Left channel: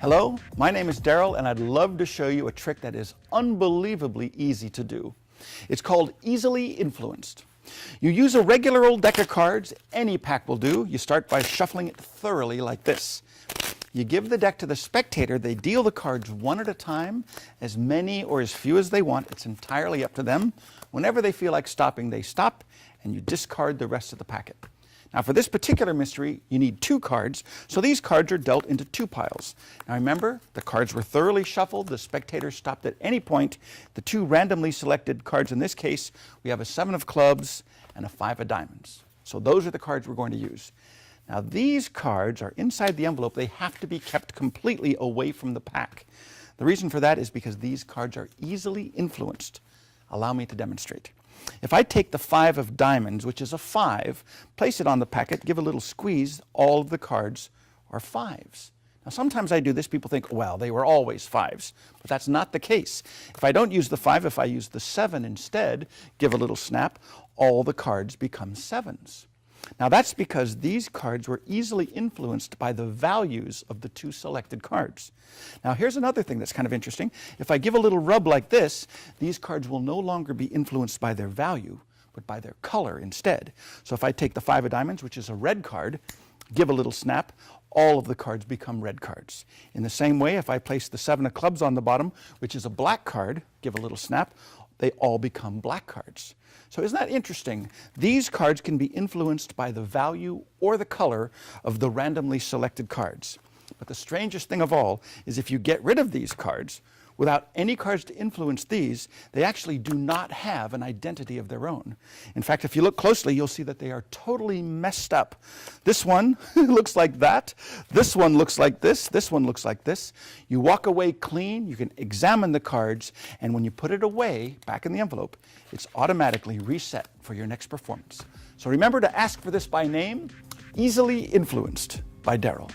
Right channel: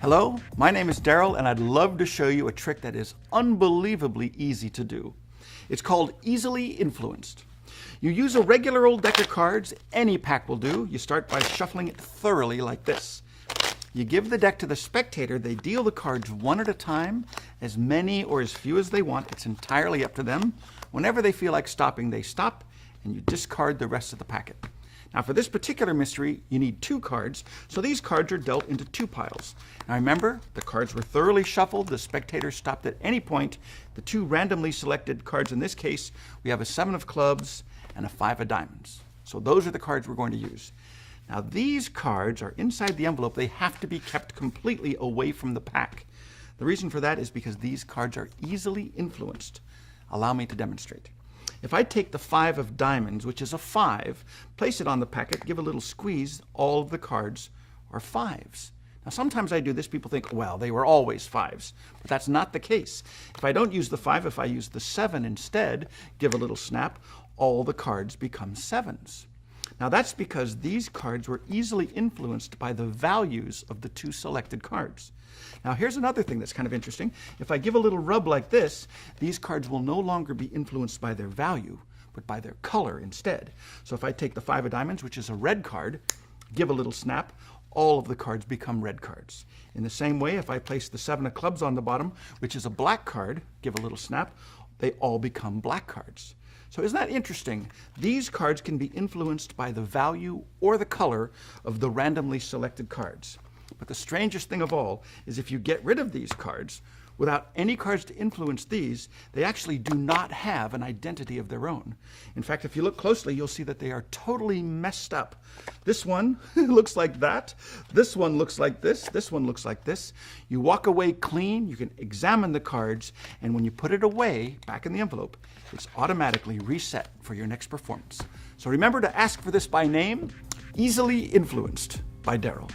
Hello, my name is Daryl, and I'd love to show you a trick that is unbelievably easy to do. It's called easily influenced. You use a regular old deck of cards, any pack will do. You start by shuffling it thoroughly like this. You give the deck to the spectator, they deal the cards one at a time, as many or as few as they want. It's entirely up to them. Whenever they feel like stopping, they stop, and you discard the rest of the packet. Now for this particular mystery, you need 2 cards, so these cards are dealt into 2 piles. Now remember, the cards were thoroughly shuffled, the spectator stopped at any point. The 2 randomly selected cards in this case, we have a 7 of clubs and a 5 of diamonds. So those are the cards we're going to use. Now these cards are inside the envelope. They have to be kept completely away from the pack. The reason for that is because these cards are easily influenced. Allow me to demonstrate. If I take the 5 of diamonds, which is a 5, place it on the packet, give a little squeeze, all of the cards are 5s. Now sometimes I do this, people think, well, they were always 5s, but that's not the case. If I don't use the 5, if I use the 7 instead, give a little snap, all the cards become 7s. Now that's because these cards were easily influenced by the values of the 2 selected cards. Now here's another thing that's kind of interesting. If I give a little rub like this, these cards will no longer be influenced by their value, but by their color instead. So if I take the 5 of diamonds, which is a red card, give a little snap, all of the cards become red cards. In the same way, if I place the 7 of clubs on the bottom, which is a black card, give a little snap, they all become black cards. So isn't that interesting? These cards can be influenced by the value or the color of the randomly selected cards. But the strangest thing of all is if you get rid of these cards, without any cards to influence these, they actually do not have an identity of their own. In fact, if you look closely, you'll see that they are totally messed up. This one looks like that. This one looks like this. This one looks like this. You walk away clean. You can examine the cards. And when you put it away, back in the envelope, it's automatically reset for your next performance. So remember to ask for this by name, Easily Influenced by Daryl.